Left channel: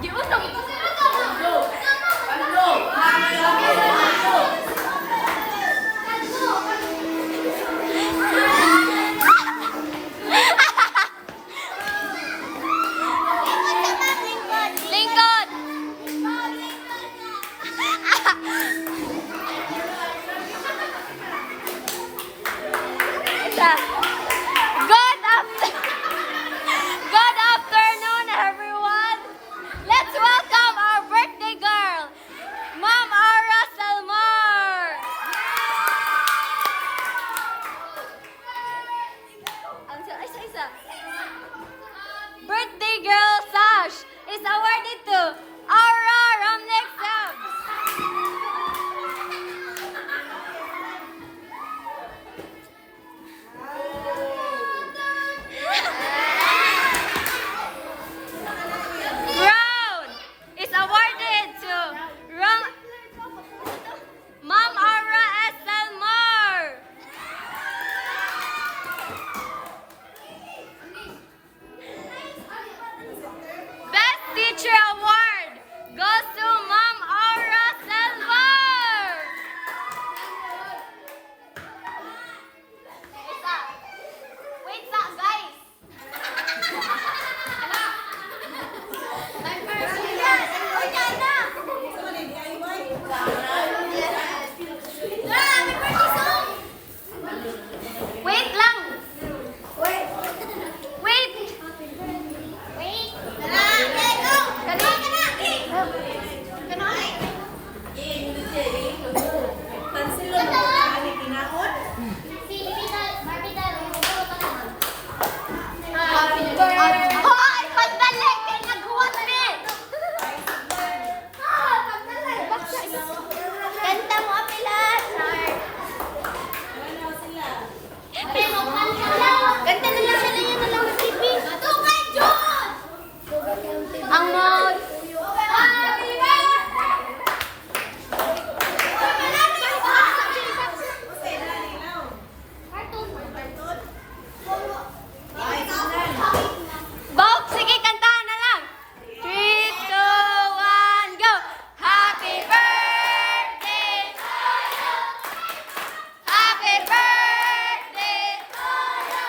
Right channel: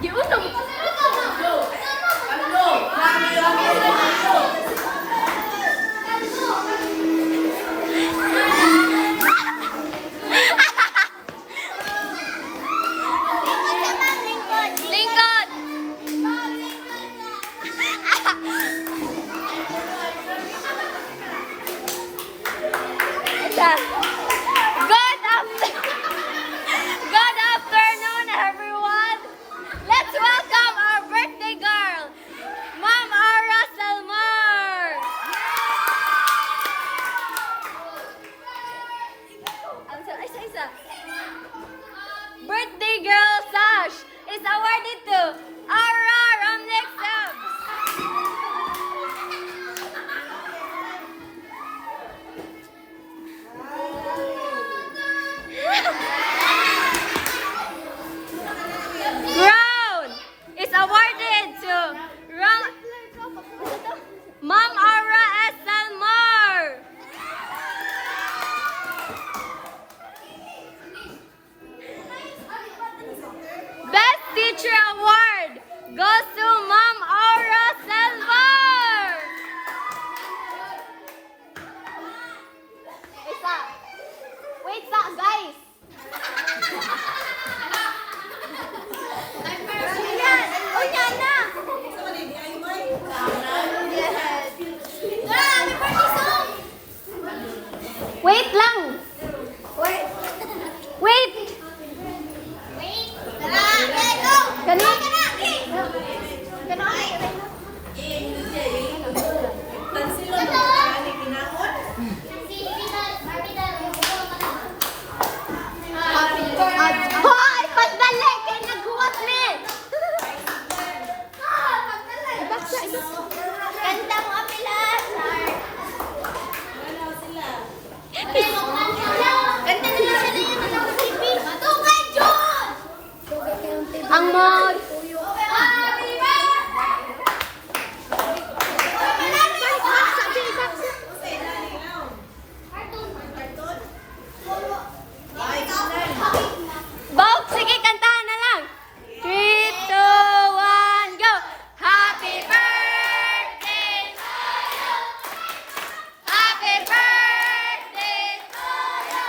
Giunong. Lingkod. Good afternoon, everyone. Let's welcome our birthday girl, Ma'am Ara Salmar. Isa. Birthday girl sash is awarded to Ara Ramnik Sabs. Crown is awarded to Ma'am Ara S. Salmar. Best Teacher Award goes to Ma'am Aura Salmar. Isa. Wait sa, guys. Wait lang. Wait. Kani? Hoy, pagdali kay naghuwat mi. Ang mod. Bob, sige, kantahan na lang. 3, 2, 1, go! Happy birthday to you! Happy birthday to you!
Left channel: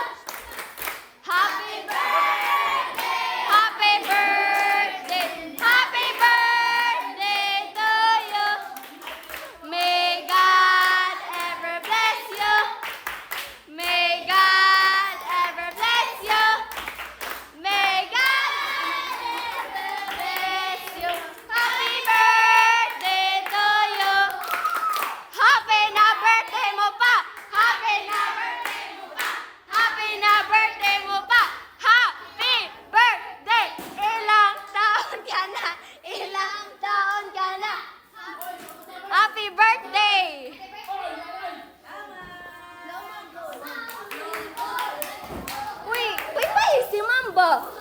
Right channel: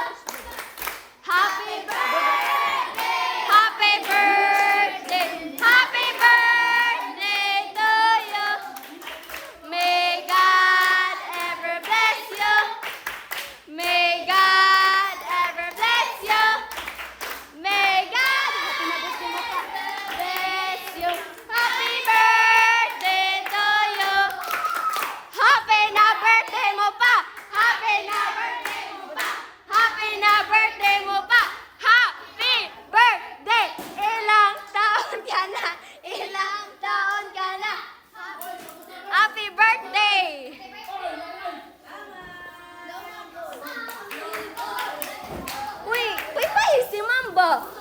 Happy birthday! Happy birthday! Happy birthday to you! May God ever bless you! May God ever bless you! May God bless you. Happy birthday to you. Happy na birthday mo pa. Happy na birthday mo pa. Happy na birthday mo pa. Happy birthday. Ilang taon ka na. Ilang taon ka na. Happy birthday. Uy, uy, si Mamba.